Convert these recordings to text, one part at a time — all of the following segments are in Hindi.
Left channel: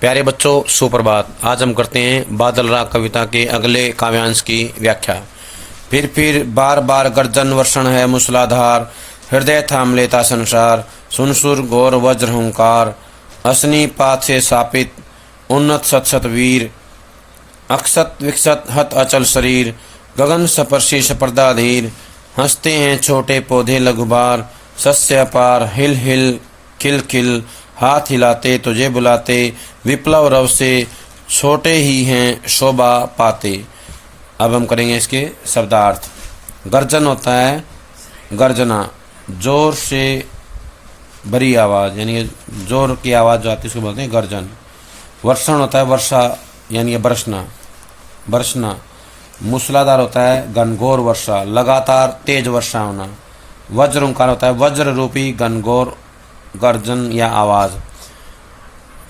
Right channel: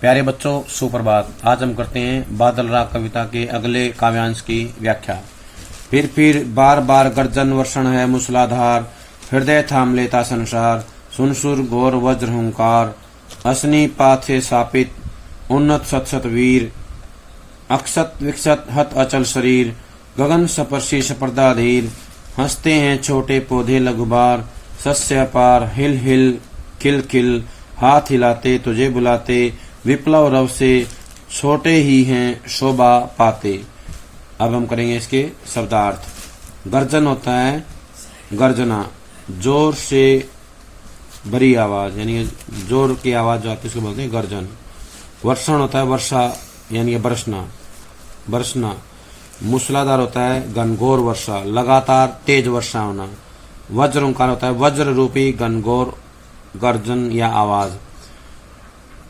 प्यारे बच्चों, सुप्रभात। आज हम करते हैं बादल राग कविता के अगले काव्यांश की व्याख्या। फिर बार बार गर्जन वर्षण है मूसलाधार, हृदय थाम लेता संसार, सुनसुर घोर वज्र हुंकार, असनी पात से सापित उन्नत सत सत वीर, अक्षत विक्षत हत अचल शरीर, गगन सपर्शी सपर्दाधीर, हंसते हैं छोटे पौधे लघुबार, सस्य अपार हिल हिल खिल खिल, हाथ हिलाते तुझे बुलाते, विप्लव रव से छोटे ही हैं शोभा पाते। अब हम करेंगे इसके शब्दार्थ। गर्जन होता है गर्जना, जोर से भरी आवाज, यानी जोर की आवाज जो आती है उसको बोलते हैं गर्जन। वर्षण होता है वर्षा, यानी बरसना बरसना। मूसलाधार होता है घनघोर वर्षा, लगातार तेज वर्षा होना। वज्र ओंकार होता है वज्र रूपी घनघोर गर्जन या आवाज।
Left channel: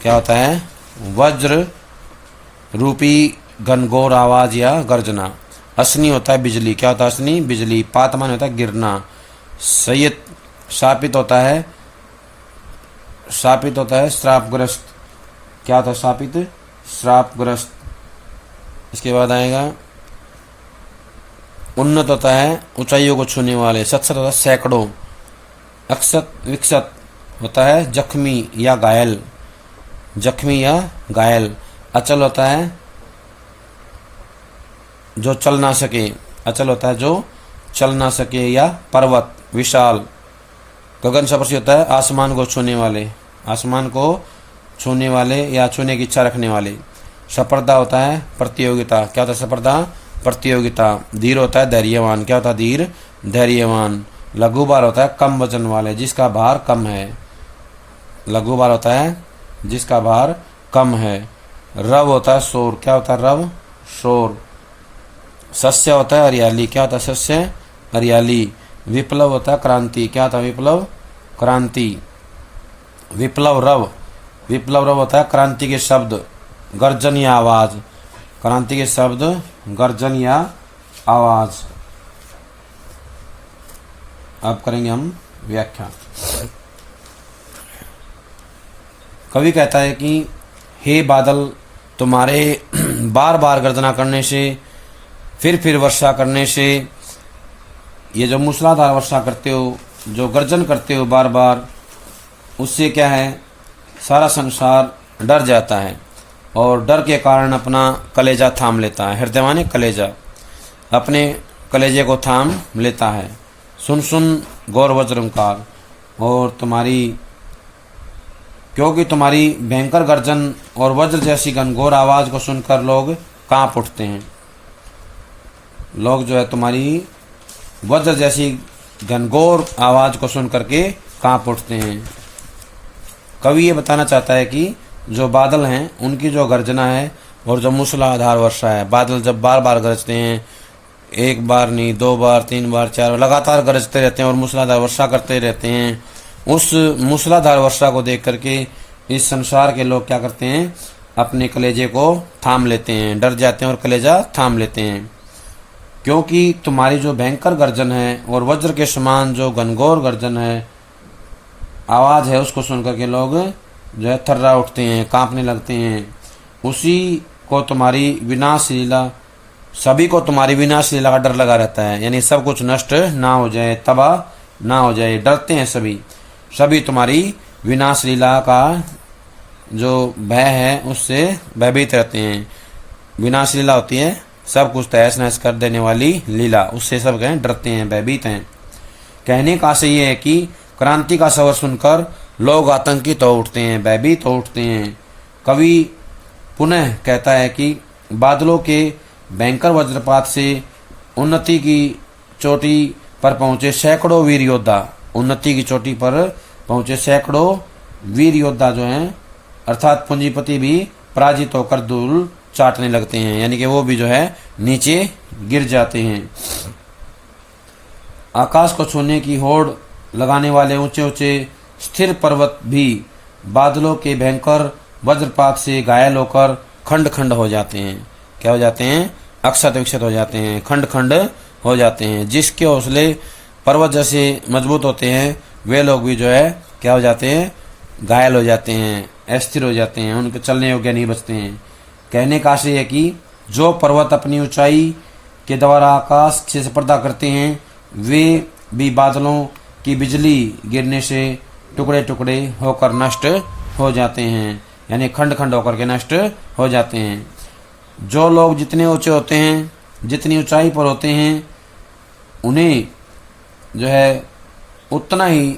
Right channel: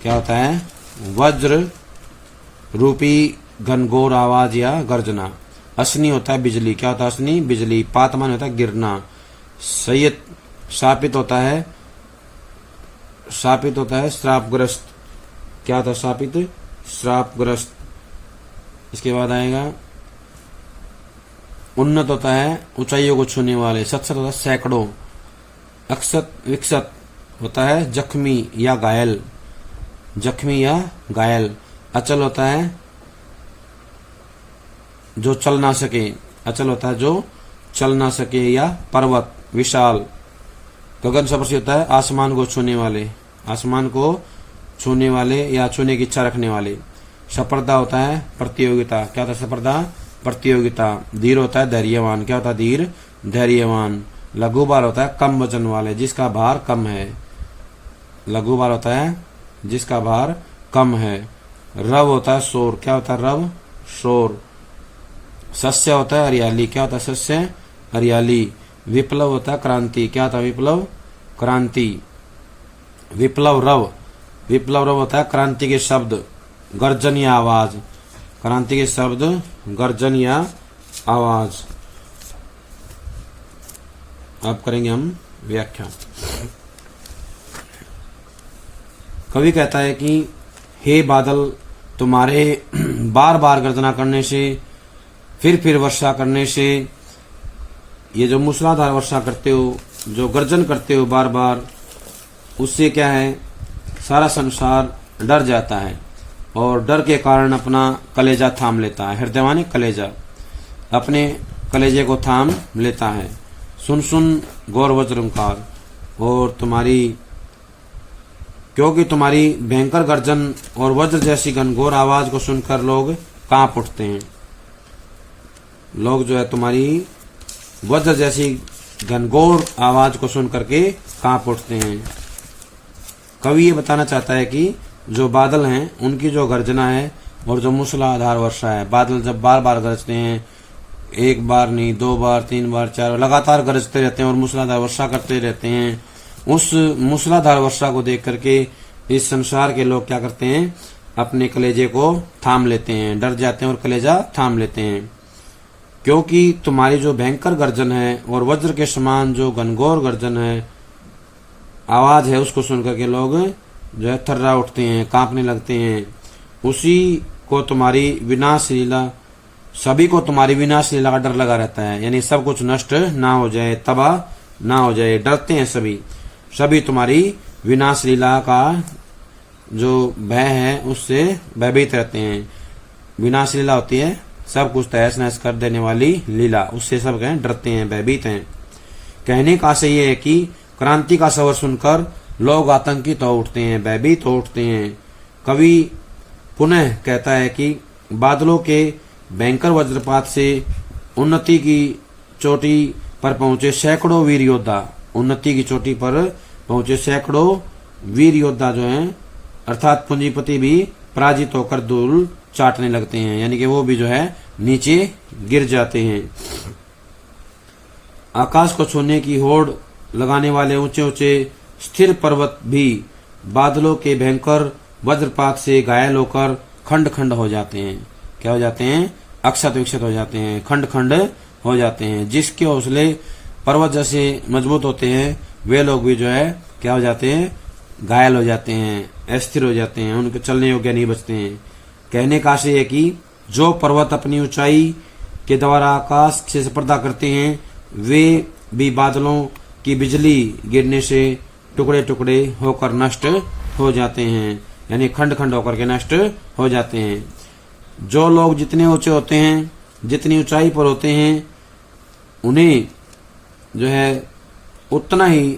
क्या होता है? वज्र रूपी घनघोर आवाज या गर्जना। असनी होता है बिजली। क्या होता है असनी? बिजली। पातमान होता है गिरना। सय्यद शापित होता है श्रापग्रस्त। क्या होता है शापित? श्रापग्रस्त। इसके बाद आएगा उन्नत होता है ऊंचाइयों को छूने वाले। सत्सत होता है सैकड़ों। अक्षत विक्षत होता है जख्मी या घायल, जख्मी या घायल। अचल होता है जो चल ना सके, अचल होता है जो चल ना सके या पर्वत विशाल। गगन सपर्शी होता है आसमान को छूने वाले, आसमान को छूने वाले या छूने की इच्छा रखने वाले। सपर्दा होता है प्रतियोगिता। क्या होता है सपर्दा? प्रतियोगिता। धीर होता है धैर्यवान। क्या होता है धीर? धैर्यवान। लघु बार होता है कम वजन वाले, जिसका भार कम है। लघु बार होता है जिसका भार कम है। रव होता है शोर। क्या होता है रव? शोर। सस्य होता है हरियाली। क्या होता है सस्य? हरियाली। विप्लव होता है क्रांति। क्या होता है विप्लव? क्रांति। विप्लव रव, विप्लव रव होता है क्रांति के शब्द, गर्जन या आवाज। क्रांति के शब्द, गर्जन या आवाज। अब करेंगे हम व्याख्या। कवि कहता है कि हे बादल, तुम्हारे बार बार गर्जना करने से, फिर वर्षा करने से, ये जो मूसलाधार वर्षा करते हो, जो गर्जन करते हो बार बार, उससे क्या है? सारा संसार डर जाता है और डर के कारण अपना कलेजा थाम लेता है। हृदय माने कलेजा, अपने कलेजे को थाम लेता है। सुन सुन गौर वज्रंकार, और क्योंकि तुम्हारी भयंकर गर्जन और वज्र जैसी घनघोर आवाज को सुनकर लोग कांप उठते हैं। लोग जो है तुम्हारी वज्र जैसी घनघोर आवाज को सुन करके कांप उठते हैं। कवि ये बताना चाहता है कि जो बादल हैं उनकी जो गर्जना है और जो मूसलाधार वर्षा है, बादल जब बार बार गरजते हैं, एक बार नहीं, दो बार, तीन बार, चार बार, लगातार गरजते रहते हैं और मूसलाधार वर्षा करते रहते हैं। उस मूसलाधार वर्षा को देख करके इस संसार के लोग क्या करते हैं? अपने कलेजे को थाम लेते हैं, डर जाते हैं और कलेजा थाम लेते हैं। क्योंकि तुम्हारी जो भयंकर गर्जन है और वज्र के समान जो घनघोर गर्जन है, आवाज है, उसको सुनकर के लोग जो है थर्रा उठते हैं, कांपने लगते हैं। उसी को तुम्हारी विनाश लीला, सभी को तुम्हारी विनाश लीला का डर लगा रहता है, यानी सब कुछ नष्ट ना हो जाए, तबाह ना हो जाए, डरते हैं सभी तुम्हारी विनाश लीला का जो भय है उससे भयभीत रहते हैं। विनाश लीला होती है सब कुछ तहस नहस कर देने वाली लीला, उससे सब कहें डरते हैं, भयभीत हैं। कहने का आशय ये है कि क्रांति का शवर सुनकर लोग आतंकित हो उठते हैं, भयभीत हो उठते हैं। कवि पुनः कहता है कि बादलों के भयंकर वज्रपात से उन्नति की चोटी पर पहुंचे सैकड़ों वीर योद्धा, उन्नति की चोटी पर पहुंचे सैकड़ों वीर योद्धा जो हैं, अर्थात पूंजीपति भी पराजित होकर धूल चाटने लगते हैं, यानी कि वो भी जो है नीचे गिर जाते हैं। आकाश को छूने की होड़ लगाने वाले ऊंचे ऊंचे स्थिर पर्वत भी बादलों के भयंकर वज्रपात से घायल होकर खंड खंड हो जाते हैं। क्या हो जाते हैं? अक्षत विक्षत हो जाते हैं, खंड खंड हो जाते हैं। जिसके हौसले पर्वत जैसे मजबूत होते हैं वे लोग भी जो है क्या हो जाते हैं? घायल हो जाते हैं, अस्थिर हो जाते हैं, उनके चलने योग्य नहीं बचते हैं। कहने का आशय है कि जो पर्वत अपनी ऊंचाई के द्वारा आकाश से स्पर्धा करते हैं वे भी बादलों की बिजली गिरने से टुकड़े टुकड़े होकर नष्ट हो जाते हैं, यानी खंड खंड होकर के नष्ट हो जाते हैं। जो लोग जितने ऊंचे होते हैं, जितनी ऊंचाई पर होते हैं, उन्हें जो है उतना ही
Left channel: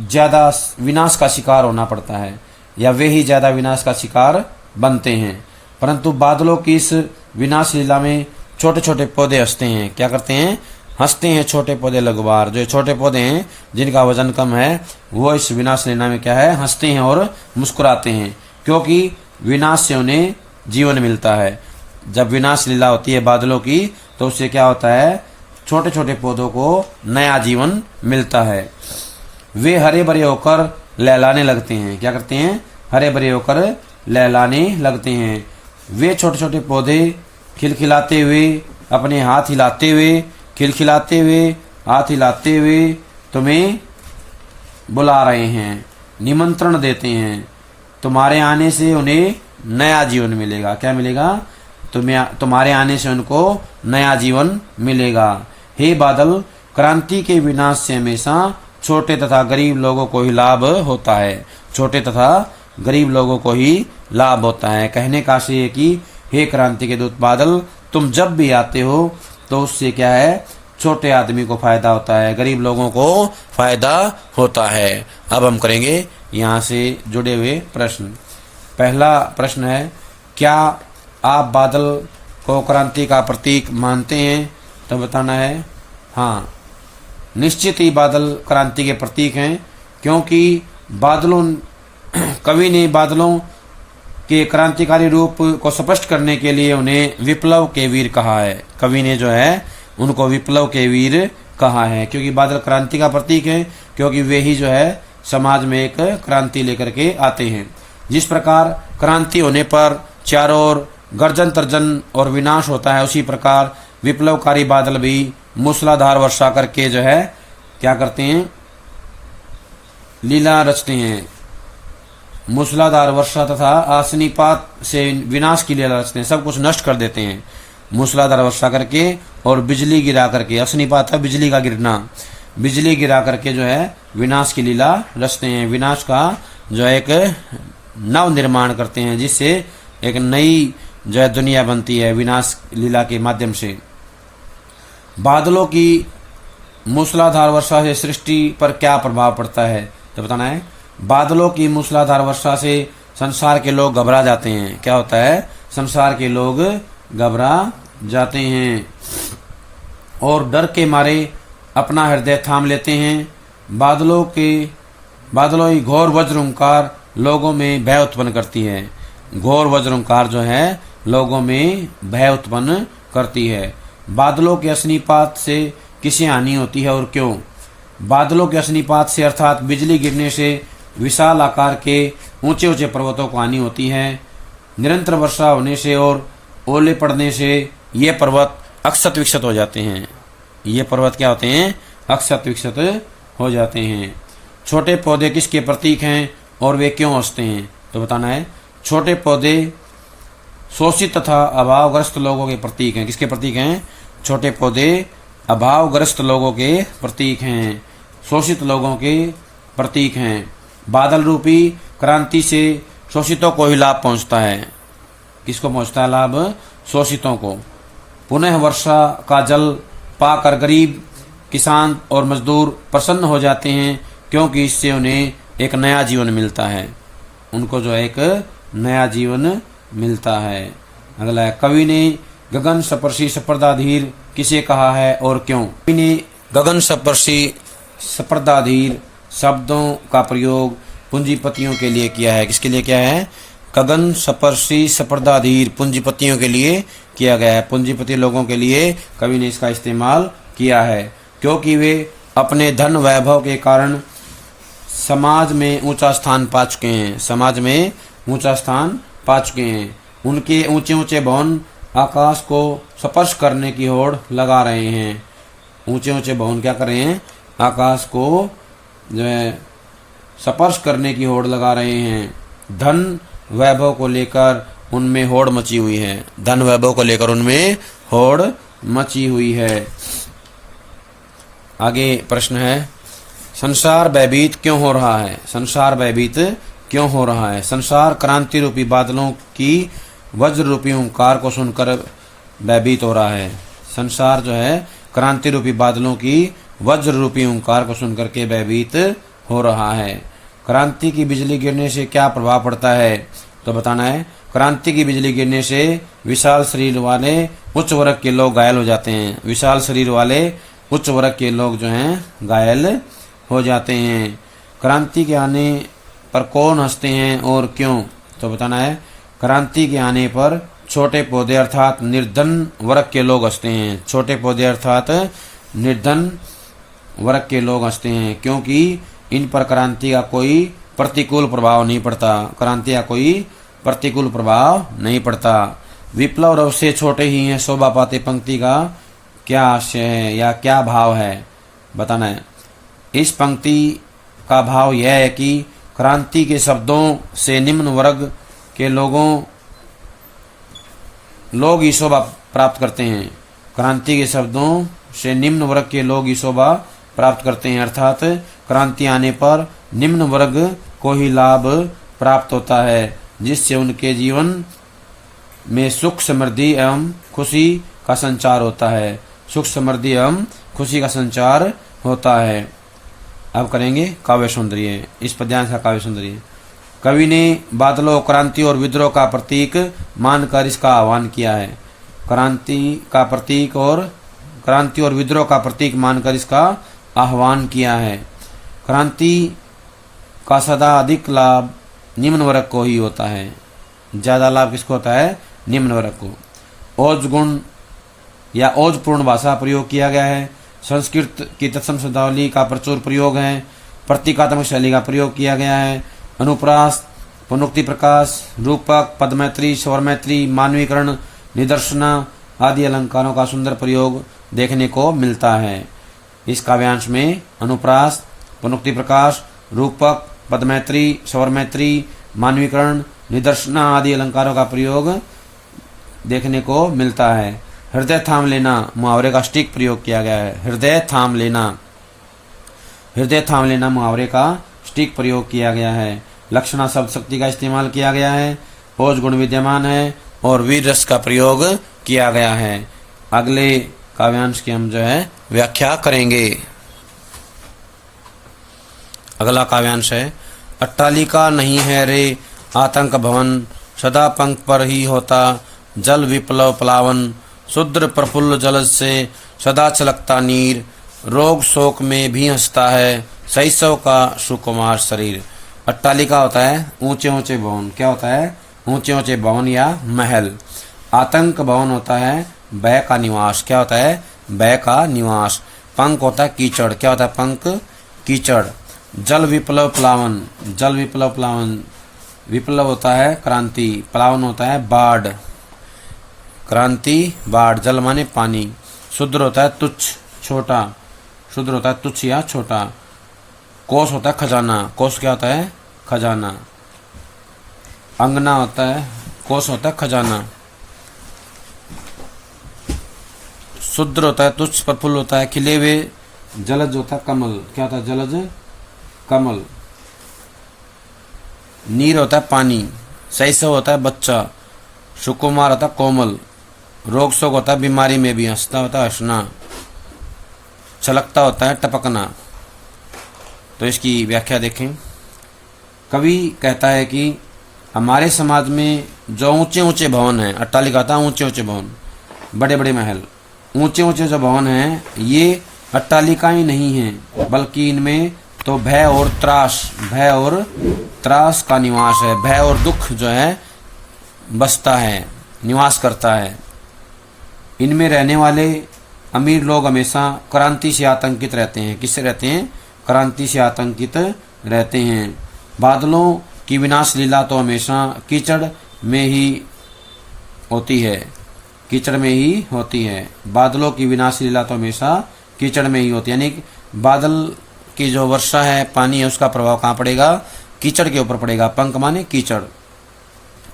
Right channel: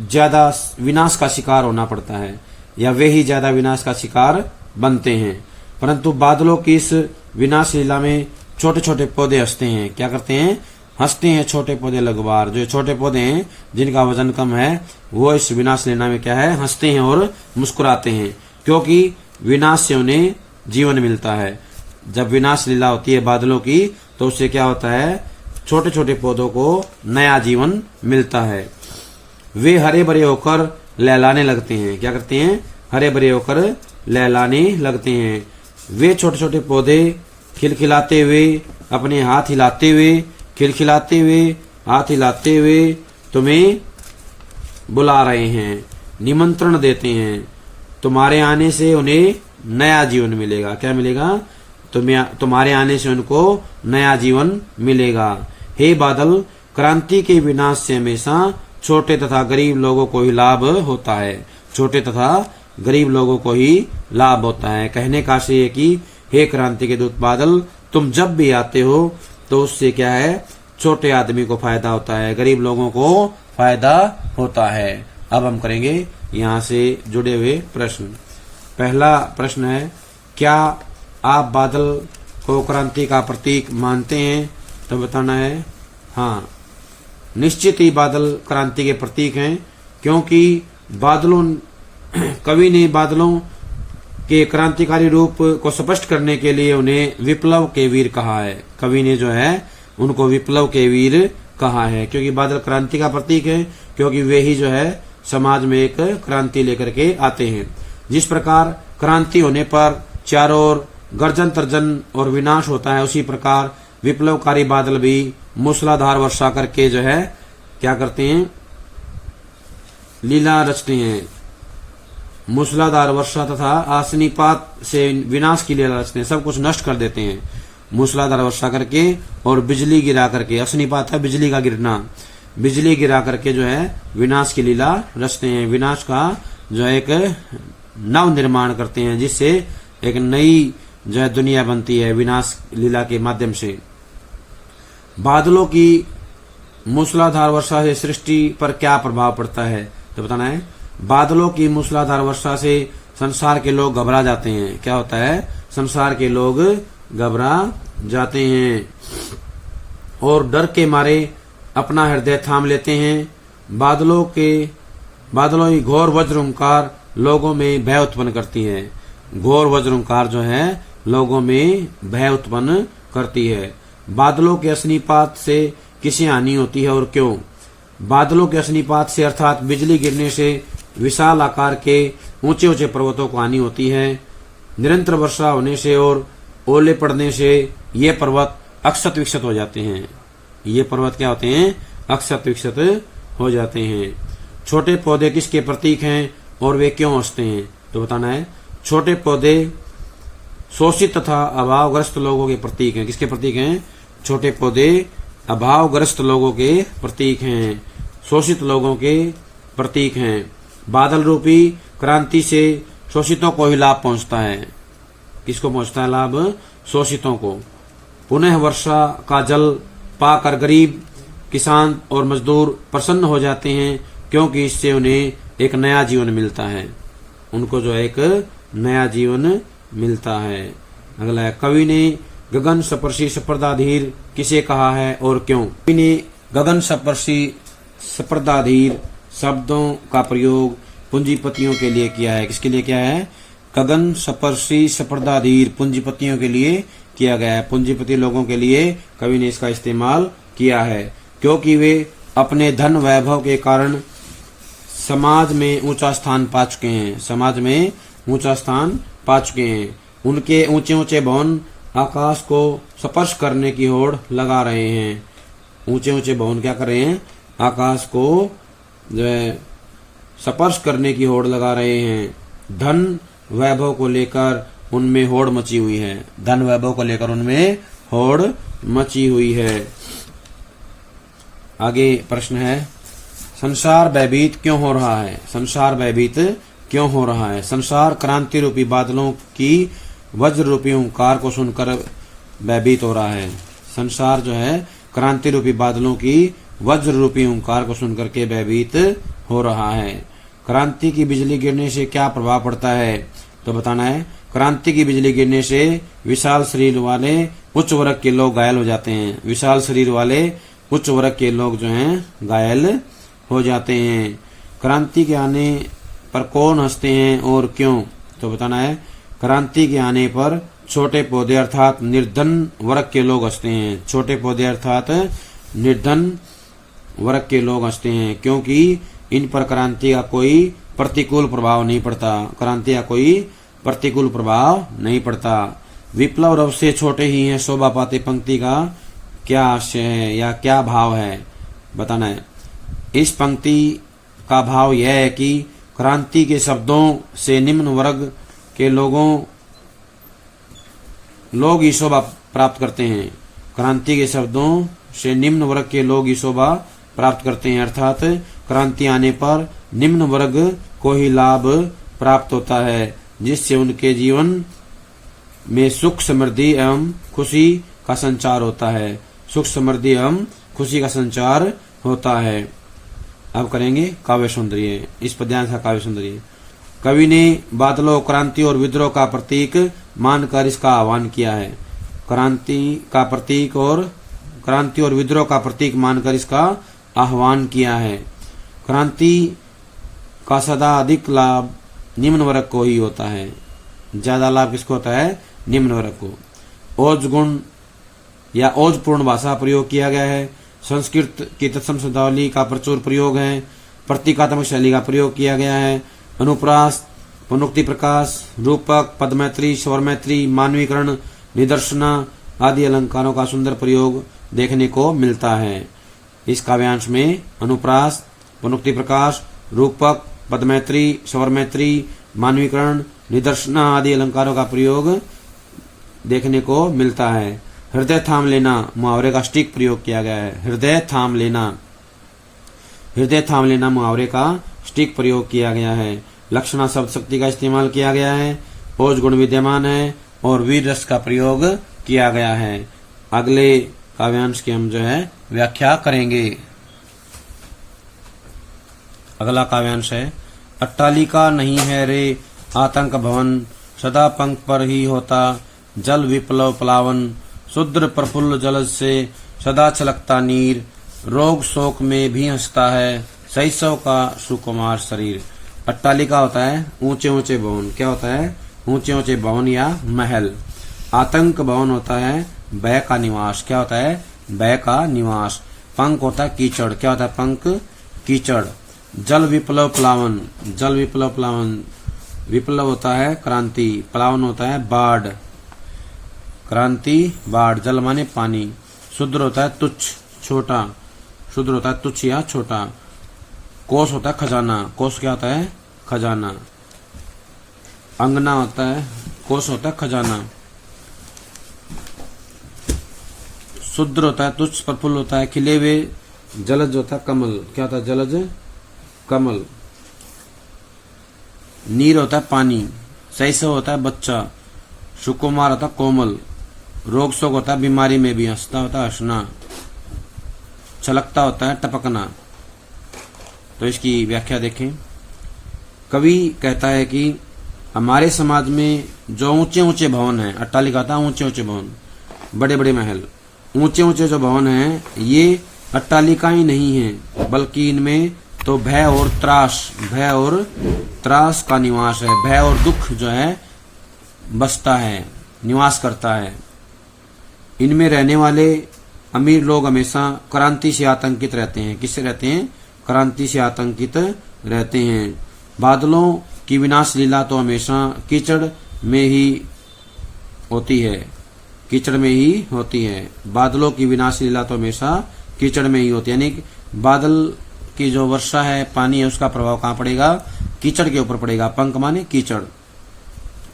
ज्यादा विनाश का शिकार होना पड़ता है, या वे ही ज्यादा विनाश का शिकार बनते हैं। परंतु बादलों की इस विनाश लीला में छोटे छोटे पौधे हंसते हैं। क्या करते हैं? हंसते हैं छोटे पौधे लगवार। जो छोटे पौधे हैं जिनका वजन कम है वो इस विनाश लीला में क्या है? हंसते हैं और मुस्कुराते हैं, क्योंकि विनाश से उन्हें जीवन मिलता है। जब विनाश लीला होती है बादलों की तो उससे क्या होता है? छोटे छोटे पौधों को नया जीवन मिलता है। वे हरे भरे होकर लहलाने लगते हैं। क्या करते हैं? हरे भरे होकर लहलाने लगते हैं। वे छोटे छोटे पौधे खिलखिलाते हुए, अपने हाथ हिलाते हुए, खिलखिलाते हुए, हाथ हिलाते हुए तुम्हें बुला रहे हैं, निमंत्रण देते हैं। तुम्हारे आने से उन्हें नया जीवन मिलेगा। क्या मिलेगा? तुम्हारे आने से उनको नया जीवन मिलेगा। हे बादल, क्रांति के विनाश से हमेशा छोटे तथा गरीब लोगों को ही लाभ होता है। छोटे तथा गरीब लोगों को ही लाभ होता है। कहने का आशय है कि हे क्रांति के दूत बादल, तुम जब भी आते हो तो उससे क्या है? छोटे आदमी को फायदा होता है, गरीब लोगों को फायदा होता है। अब हम करेंगे यहाँ से जुड़े हुए प्रश्न। पहला प्रश्न है, क्या आप बादल को क्रांति का प्रतीक मानते हैं? तो बताना है हाँ, निश्चित ही बादल क्रांति के प्रतीक हैं, क्योंकि बादलों कवि ने बादलों के क्रांतिकारी रूप को स्पष्ट करने के लिए उन्हें विप्लव के वीर कहा है। कवि ने जो है उनको विप्लव के वीर कहा है, क्योंकि बादल क्रांति का प्रतीक है, क्योंकि वे ही जो है समाज में एक क्रांति लेकर के आते हैं। जिस प्रकार क्रांति होने पर चारों ओर गर्जन तर्जन और विनाश होता है, उसी प्रकार विप्लवकारी बादल भी मूसलाधार वर्षा करके जो है क्या करते हैं? लीला रचते हैं। मूसलाधार वर्षा तथा आसनीपात से विनाश की लीला रचते हैं, सब कुछ नष्ट कर देते हैं। मूसलाधार वर्षा करके और बिजली गिरा करके, असनीपात है बिजली का गिरना, बिजली गिरा करके जो है विनाश की लीला रचते हैं। विनाश का जो है एक नव निर्माण करते हैं, जिससे एक नई जो है दुनिया बनती है विनाश लीला के माध्यम से। बादलों की मूसलाधार वर्षा से सृष्टि पर क्या प्रभाव पड़ता है? तो बताना है। बादलों की मूसलाधार वर्षा से संसार के लोग घबरा जाते हैं। क्या होता है? संसार के लोग घबरा जाते हैं और डर के मारे अपना हृदय थाम लेते हैं। बादलों की घोर वज्रंकार लोगों में भय उत्पन्न करती है। घोर वज्रंकार जो है लोगों में भय उत्पन्न करती है। बादलों के अग्निपात से किसे हानि होती है और क्यों? बादलों के अग्निपात से अर्थात बिजली गिरने से विशाल आकार के ऊंचे ऊंचे पर्वतों को हानि होती है। निरंतर वर्षा होने से और ओले पड़ने से ये पर्वत अक्षत विक्षत हो जाते हैं। ये पर्वत क्या होते हैं? अक्षत विक्षत हो जाते हैं। छोटे पौधे किसके प्रतीक हैं और वे क्यों हंसते हैं? तो बताना है। छोटे पौधे शोषित तथा अभावग्रस्त लोगों के प्रतीक हैं। किसके प्रतीक हैं? छोटे पौधे अभावग्रस्त लोगों के प्रतीक हैं, शोषित लोगों के प्रतीक हैं। बादल रूपी क्रांति से शोषितों को ही लाभ पहुंचता है। किसको पहुंचता है लाभ? शोषितों को। पुनः वर्षा का जल पाकर गरीब किसान और मजदूर प्रसन्न हो जाते हैं, क्योंकि इससे उन्हें एक नया जीवन मिलता है। उनको जो एक नया जीवन मिलता है। अगला है, कवि ने गगन स्पर्शी स्पर्धाधीर किसे कहा है और क्यों? कवि ने गगन स्पर्शी स्पर्धाधीर शब्दों का प्रयोग पूंजीपतियों के लिए किया है। किसके लिए किया है? गगन स्पर्शी स्पर्धाधीर पूंजीपतियों के लिए किया गया है। पूंजीपति लोगों के लिए कवि ने इसका इस्तेमाल किया है, क्योंकि वे अपने धन वैभव के कारण समाज में ऊंचा स्थान पा चुके हैं। समाज में ऊंचा स्थान पा चुके हैं। उनके ऊंचे ऊंचे भवन आकाश को स्पर्श करने की होड़ लगा रहे हैं। ऊंचे ऊंचे भवन क्या कर रहे हैं? आकाश को जो है स्पर्श करने की होड़ लगा रहे हैं। धन वैभव को लेकर उनमें होड़ मची हुई है। धन वैभव को लेकर उनमें होड़ मची हुई है। आगे प्रश्न है, संसार भयभीत क्यों हो रहा है? संसार भयभीत क्यों हो रहा है? संसार क्रांति रूपी बादलों की वज्र रूपी ओंकार को सुनकर भयभीत हो रहा है। संसार जो है क्रांति रूपी बादलों की वज्र रूपी ओंकार को सुनकर के भयभीत हो रहा है। क्रांति की बिजली गिरने से क्या प्रभाव पड़ता है? तो बताना है, क्रांति की बिजली गिरने से विशाल शरीर वाले उच्च वर्ग के लोग घायल हो जाते हैं। विशाल शरीर वाले उच्च वर्ग के लोग जो हैं घायल हो जाते हैं। क्रांति के आने पर कौन हंसते हैं और क्यों? तो बताना है, क्रांति के आने पर छोटे पौधे अर्थात निर्धन वर्ग के लोग हंसते हैं। छोटे पौधे अर्थात निर्धन वर्ग के लोग हंसते हैं, क्योंकि इन पर क्रांति का कोई प्रतिकूल प्रभाव नहीं पड़ता। क्रांति का कोई प्रतिकूल प्रभाव नहीं पड़ता। विप्लव रव से छोटे ही हैं शोभा पाते पंक्ति का क्या आशय है या क्या भाव है? बताना है। इस पंक्ति का भाव यह है कि क्रांति के शब्दों से निम्न वर्ग के लोग ही शोभा प्राप्त करते हैं। क्रांति के शब्दों से निम्न वर्ग के लोग ही शोभा प्राप्त करते हैं, अर्थात क्रांति आने पर निम्न वर्ग को ही लाभ प्राप्त होता है, जिससे उनके जीवन में सुख समृद्धि एवं खुशी का संचार होता है। सुख समृद्धि एवं खुशी का संचार होता है। अब करेंगे काव्य सौंदर्य। इस पद्यांश का काव्य सौंदर्य। कवि ने बादलों, क्रांति और विद्रोह का प्रतीक मानकर इसका आह्वान किया है। क्रांति और विद्रोह का प्रतीक मानकर इसका आह्वान किया है। क्रांति का सदा अधिक लाभ निम्न वर्ग को ही होता है। ज्यादा लाभ किसको होता है? निम्न वर्ग को। ओज गुण या ओजपूर्ण भाषा प्रयोग किया गया है। संस्कृत की तत्सम शब्दावली का प्रचुर प्रयोग है। प्रतीकात्मक शैली का प्रयोग किया गया है। अनुप्रास, पुनोक्ति प्रकाश, रूपक, पदमैत्री, स्वरमैत्री, मानवीकरण, निदर्शना आदि अलंकारों का सुंदर प्रयोग देखने को मिलता है। इस काव्यांश में अनुप्रास, पुनोक्ति प्रकाश, रूपक, पदमैत्री, स्वरमैत्री, मानवीकरण, निदर्शना आदि अलंकारों का प्रयोग देखने को मिलता है। हृदय थाम लेना मुहावरे का सटीक प्रयोग किया गया है। हृदय थाम लेना मुहावरे का सटीक प्रयोग किया गया है। लक्षणा शब्द शक्ति का इस्तेमाल किया गया है। ओज गुण विद्यमान है और वीर रस का प्रयोग किया गया है। अगले काव्यांश की हम जो है व्याख्या करेंगे। अगला काव्यांश है, अट्टालिका नहीं है रे आतंक भवन, सदा पंख पर ही होता जल विप्लव प्लावन, शुद्र प्रफुल्ल जलज से सदा छलकता नीर, रोग शोक में भी हंसता है शैशव का सुकुमार शरीर। अट्टालिका होता है ऊंचे ऊंचे भवन। क्या होता है? ऊंचे ऊंचे भवन या महल। आतंक भवन होता है भय का निवास। क्या होता है? भय का निवास। पंख होता है कीचड़। क्या होता है? पंख कीचड़। जल विप्लव प्लावन। जल विप्लव प्लावन, विप्लव होता है क्रांति, प्लावन होता है बाढ़। क्रांति बाढ़। जल माने पानी। शुद्र होता है तुच्छ, छोटा। शुद्र होता है तुच्छ या छोटा। कोष होता है खजाना। कोष क्या होता है? खजाना। अंगना होता है, कोष होता है खजाना। शुद्र होता है तुच्छ, प्रफुल्ल होता है खिले हुए, जलज होता है कमल। क्या होता है? जलज कमल। नीर होता है पानी। शैशव होता है बच्चा। सुकुमार होता है कोमल। रोग शोक होता है बीमारी में भी हंसता होता है हंसना। छलकता होता है टपकना। तो इसकी व्याख्या देखें। कवि कहता है कि हमारे समाज में जो ऊंचे ऊंचे भवन हैं, अट्टालिका था ऊंचे ऊंचे भवन, बड़े बड़े महल, ऊंचे ऊंचे जो भवन हैं ये अट्टालिका ही नहीं है, बल्कि इनमें तो भय और त्रास का निवास है। भय और दुख जो है बसता है, निवास करता है। इनमें रहने वाले अमीर लोग हमेशा क्रांति से आतंकित रहते हैं। किससे रहते हैं? क्रांति से आतंकित रहते हैं। बादलों की विनाश लीला तो हमेशा कीचड़ में ही होती है। कीचड़ में ही होती है। बादलों की विनाश लीला तो हमेशा कीचड़ में ही होती है। यानी बादल की जो वर्षा है, पानी है, उसका प्रभाव कहाँ पड़ेगा? कीचड़ के ऊपर पड़ेगा। पंक माने कीचड़।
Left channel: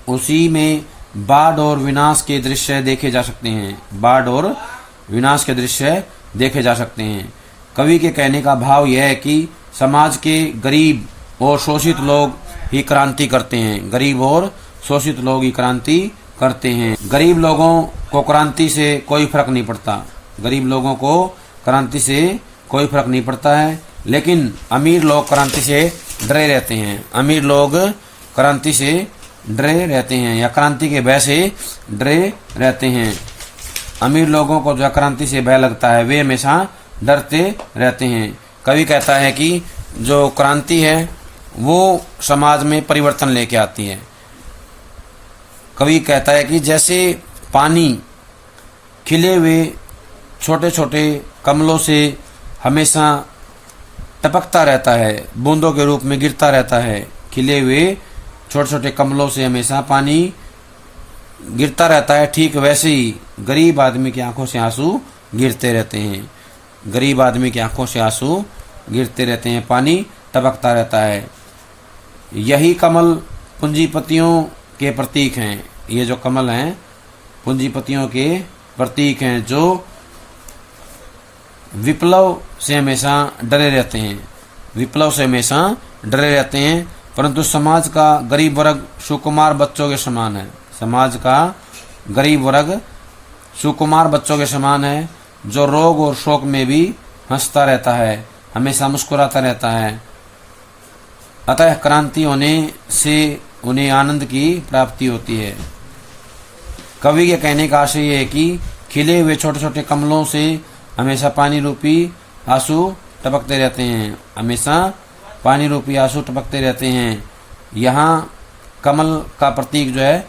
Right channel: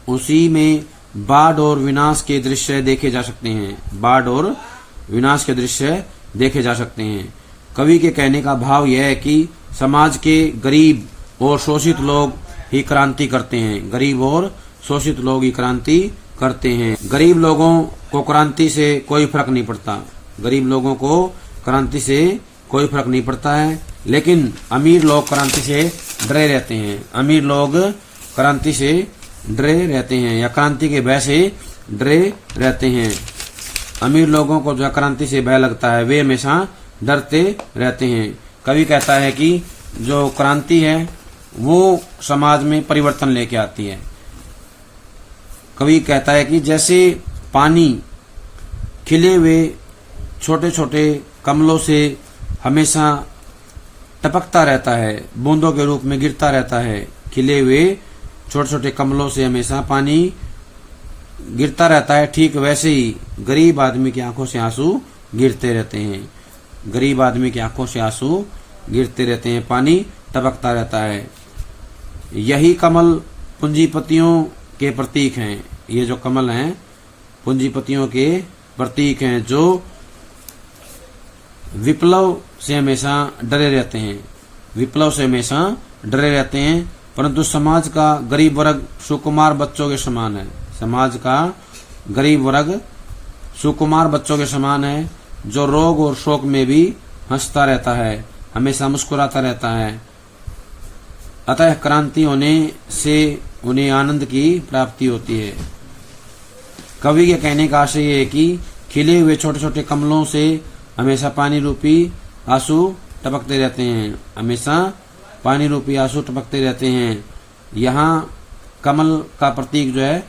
उसी में बाढ़ और विनाश के दृश्य देखे जा सकते हैं। बाढ़ और विनाश के दृश्य देखे जा सकते हैं। कवि के कहने का भाव यह है कि समाज के गरीब और शोषित लोग ही क्रांति करते हैं। गरीब और शोषित लोग ही क्रांति करते हैं। गरीब लोगों को क्रांति से कोई फर्क नहीं पड़ता। गरीब लोगों को क्रांति से कोई फर्क नहीं पड़ता है, लेकिन अमीर लोग क्रांति से डरे रहते हैं। अमीर लोग क्रांति से डरे रहते हैं या क्रांति के भय से डरे रहते हैं। अमीर लोगों को जो क्रांति से भय लगता है वे हमेशा डरते रहते हैं। कवि कहता है कि जो क्रांति है वो समाज में परिवर्तन लेके आती है। कवि कहता है कि जैसे पानी खिले हुए छोटे छोटे कमलों से हमेशा टपकता रहता है, बूंदों के रूप में गिरता रहता है। खिले हुए छोटे छोटे कमलों से हमेशा पानी गिरता रहता है, ठीक वैसे ही गरीब आदमी की आंखों से आंसू गिरते रहते हैं। गरीब आदमी की आंखों से आंसू गिरते रहते हैं, पानी टपकता रहता है। यही कमल पूंजीपतियों के प्रतीक हैं। ये जो कमल हैं पूंजीपतियों के प्रतीक हैं, जो विप्लव से हमेशा डरे रहते हैं। विप्लव से हमेशा डरे रहते हैं, परंतु समाज का गरीब वर्ग सुकुमार बच्चों के समान है। समाज का गरीब वर्ग सुकुमार बच्चों के समान है, जो रोग और शोक में भी हंसता रहता है, हमेशा मुस्कुराता रहता है। अतः क्रांति होने से उन्हें आनंद की प्राप्ति होती है। कवि के कहने का आशय यह है कि खिले हुए छोटे छोटे कमलों से हमेशा पानी रूपी आंसू टपकते रहते हैं। हमेशा पानी रूपी आंसू टपकते रहते हैं। यहाँ कमल का प्रतीक जो है,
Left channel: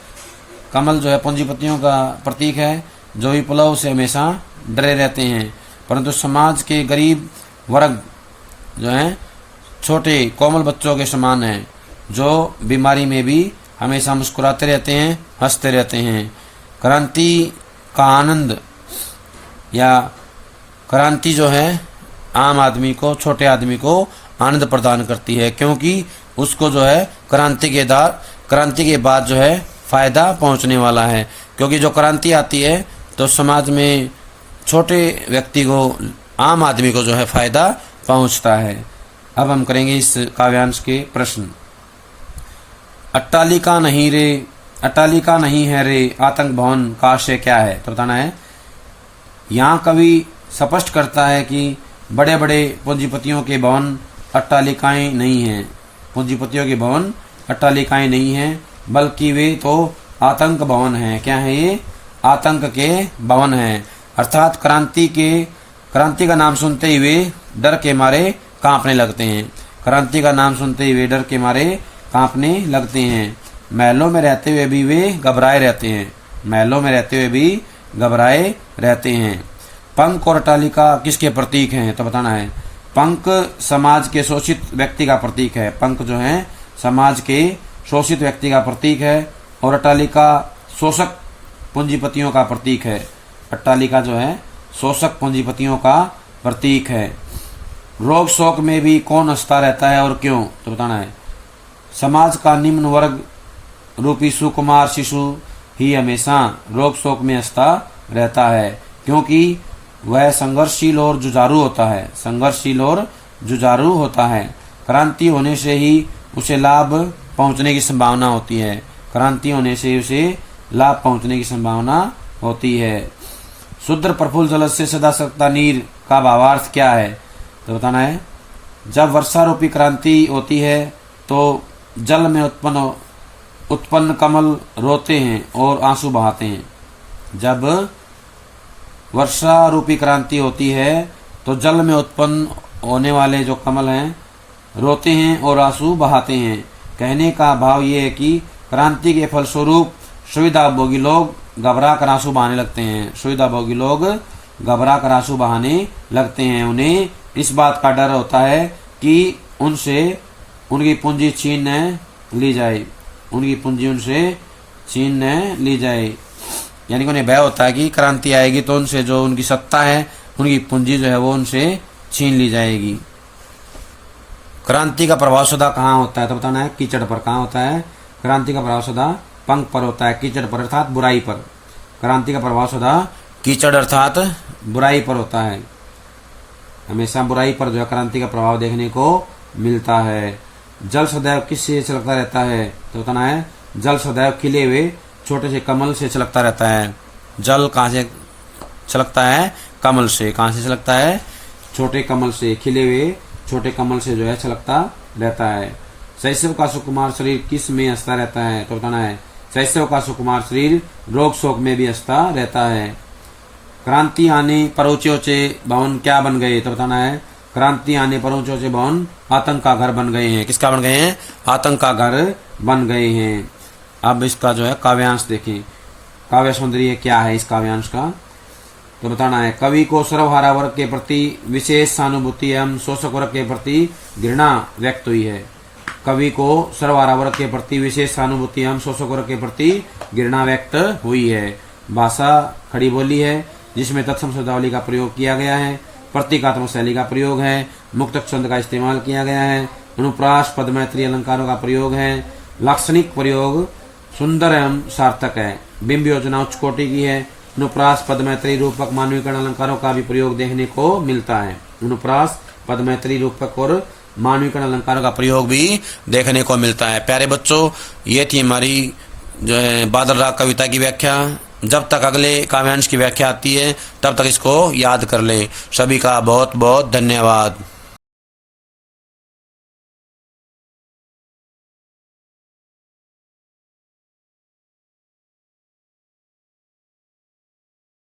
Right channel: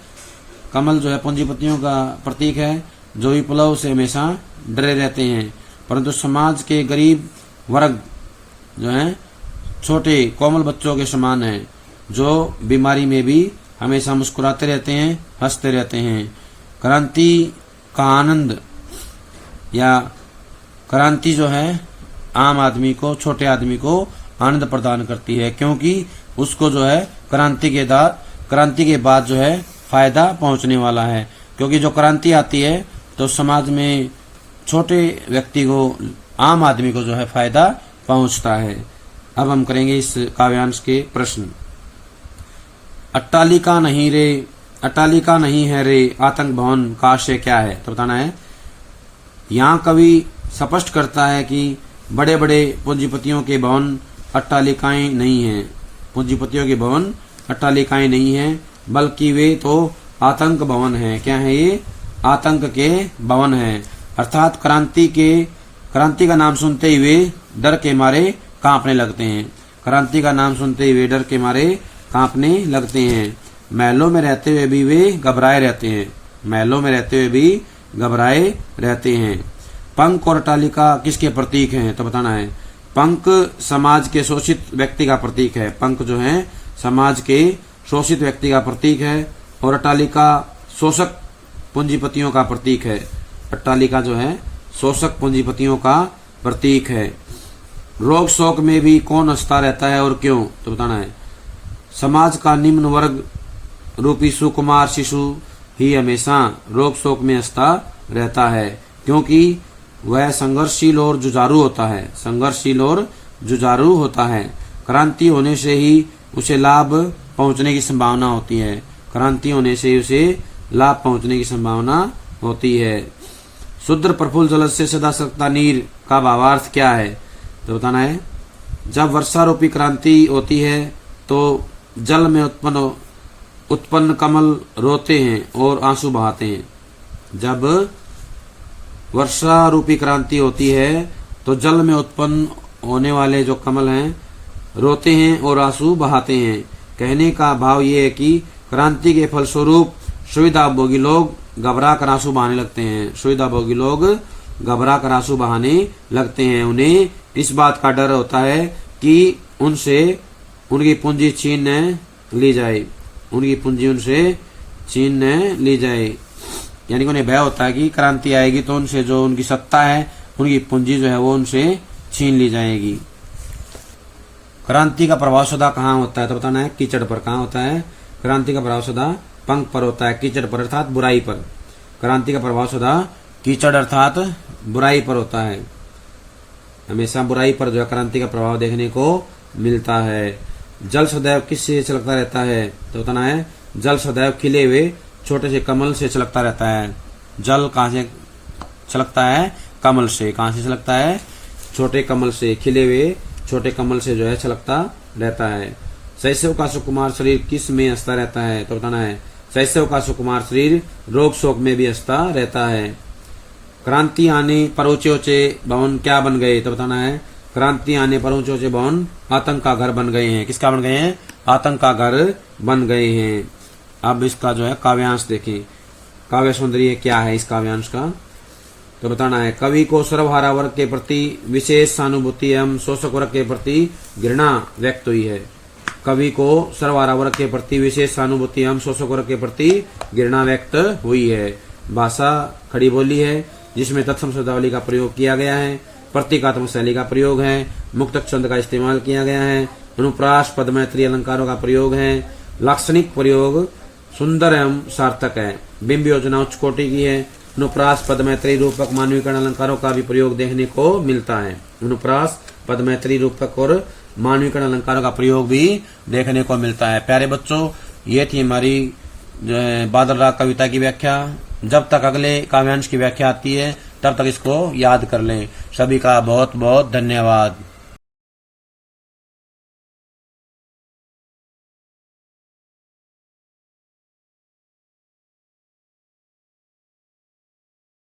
कमल जो है पूंजीपतियों का प्रतीक है, जो विप्लव से हमेशा डरे रहते हैं, परंतु समाज के गरीब वर्ग जो है छोटे कोमल बच्चों के समान है, जो बीमारी में भी हमेशा मुस्कुराते रहते हैं, हंसते रहते हैं। क्रांति का आनंद या क्रांति जो है आम आदमी को, छोटे आदमी को आनंद प्रदान करती है, क्योंकि उसको जो है क्रांति के बाद जो है फायदा पहुंचने वाला है। क्योंकि जो क्रांति आती है तो समाज में छोटे व्यक्ति को, आम आदमी को जो है फायदा पहुंचता है। अब हम करेंगे इस काव्यांश के प्रश्न। अट्टालिका नहीं रे, अट्टालिका नहीं है रे आतंक भवन का आशय क्या है, तो बताना है। यहाँ कवि स्पष्ट करता है कि बड़े बड़े पूंजीपतियों के भवन अट्टालिकाएं नहीं हैं। पूंजीपतियों के भवन अट्टालिकाएं नहीं हैं, बल्कि वे तो आतंक भवन हैं। क्या है ये? आतंक के भवन हैं। अर्थात क्रांति का नाम सुनते ही वे डर के मारे कांपने लगते हैं। क्रांति का नाम सुनते ही वे डर के मारे कांपने लगते हैं। महलों में रहते हुए भी वे घबराए रहते हैं। महलों में रहते हुए भी घबराए रहते हैं। पंख और अट्टालिका किसके प्रतीक हैं, तो बताना है। पंख समाज के शोषित व्यक्ति का प्रतीक है। पंख जो है समाज के शोषित व्यक्ति का प्रतीक है, और अट्टालिका शोषक पूंजीपतियों का प्रतीक है। अट्टालिका जो है शोषक पूंजीपतियों का प्रतीक है। रोग शोक में भी कौन हंसता रहता है और क्यों, तो बताना है। समाज का निम्न वर्ग रूपी सुकुमार शिशु ही हमेशा रोग शोक में हंसता रहता है, क्योंकि वह संघर्षशील और जुझारू होता है। संघर्षशील और जुझारू होता है। क्रांति होने से ही उसे लाभ पहुंचने की संभावना होती है। क्रांति होने से उसे लाभ पहुंचने की संभावना होती है। शुद्र प्रफुल्ल जल से सदा सकता नीर का भावार्थ क्या है, तो बताना है। जब वर्षा रूपी क्रांति होती है तो जल में उत्पन्न कमल रोते हैं और आंसू बहाते हैं। जब वर्षा रूपी क्रांति होती है तो जल में उत्पन्न होने वाले जो कमल हैं रोते हैं और आंसू बहाते हैं। कहने का भाव ये है कि क्रांति के फलस्वरूप सुविधाभोगी लोग घबरा कर आंसू बहाने लगते हैं। सुविधाभोगी लोग घबरा कर आंसू बहाने लगते हैं। उन्हें इस बात का डर होता है कि उनसे उनकी पूंजी छीन ली जाए। उनकी पूंजी उनसे छीन ली जाए, यानी कि उन्हें भय होता है कि क्रांति आएगी तो उनसे जो उनकी सत्ता है, उनकी पूंजी जो है वो उनसे छीन ली जाएगी। क्रांति का प्रभाव सदा कहाँ होता है, तो बताना है कीचड़ पर। कहाँ होता है? क्रांति का प्रभाव सदा पंख पर होता है, कीचड़ पर अर्थात बुराई पर। क्रांति का प्रभाव सदा कीचड़ अर्थात बुराई पर होता है। हमेशा बुराई पर जो है क्रांति का प्रभाव देखने को मिलता है। जल सदैव किससे छलकता रहता है, तो बताना है जल सदैव खिले हुए छोटे से कमल से छलकता रहता है। जल कहाँ से छलकता है? कमल से। कहाँ से छलकता है? छोटे कमल से, खिले हुए छोटे कमल से जो है छलकता रहता है। शैशव का सुकुमार शरीर किस में हंसता रहता है, तो बताना है शैशव का सुकुमार शरीर रोग शोक में भी हंसता रहता है। क्रांति आने पर ऊंचे ऊंचे भवन क्या बन गए, तो बताना है क्रांति आने पर ऊंचे ऊंचे भवन आतंक का घर बन गए हैं। किसका बन गए हैं? आतंक का घर बन गए हैं। अब इसका जो है काव्यांश देखें। काव्य सौंदर्य क्या है इस काव्यांश का, तो बताना है कवि को सर्वहारा वर्ग के प्रति विशेष सहानुभूति एवं शोषक वर्ग के प्रति घृणा व्यक्त हुई है। कवि को सर्वहारा वर्ग के प्रति विशेष सहानुभूति एवं शोषक वर्ग के प्रति घृणा व्यक्त हुई है। भाषा खड़ी बोली है जिसमें तत्सम शब्दावली का प्रयोग किया गया है। प्रतीकात्मक शैली का प्रयोग है। मुक्तक छंद का इस्तेमाल किया गया है। अनुप्रास पद मैत्री अलंकारों का प्रयोग है। लाक्षणिक प्रयोग सुंदर एवं सार्थक है। बिंब योजना उच्च कोटि की है। अनुप्रास पद मैत्री रूपक मानवीकरण अलंकारों का भी प्रयोग देखने को मिलता है। अनुप्रास पद मैत्री रूपक और मानवीकरण अलंकारों का प्रयोग भी देखने को मिलता है। प्यारे बच्चों, ये थी हमारी जो है बादल राग कविता की व्याख्या। जब तक अगले काव्यांश की व्याख्या आती है तब तक इसको याद कर ले। सभी का बहुत बहुत धन्यवाद।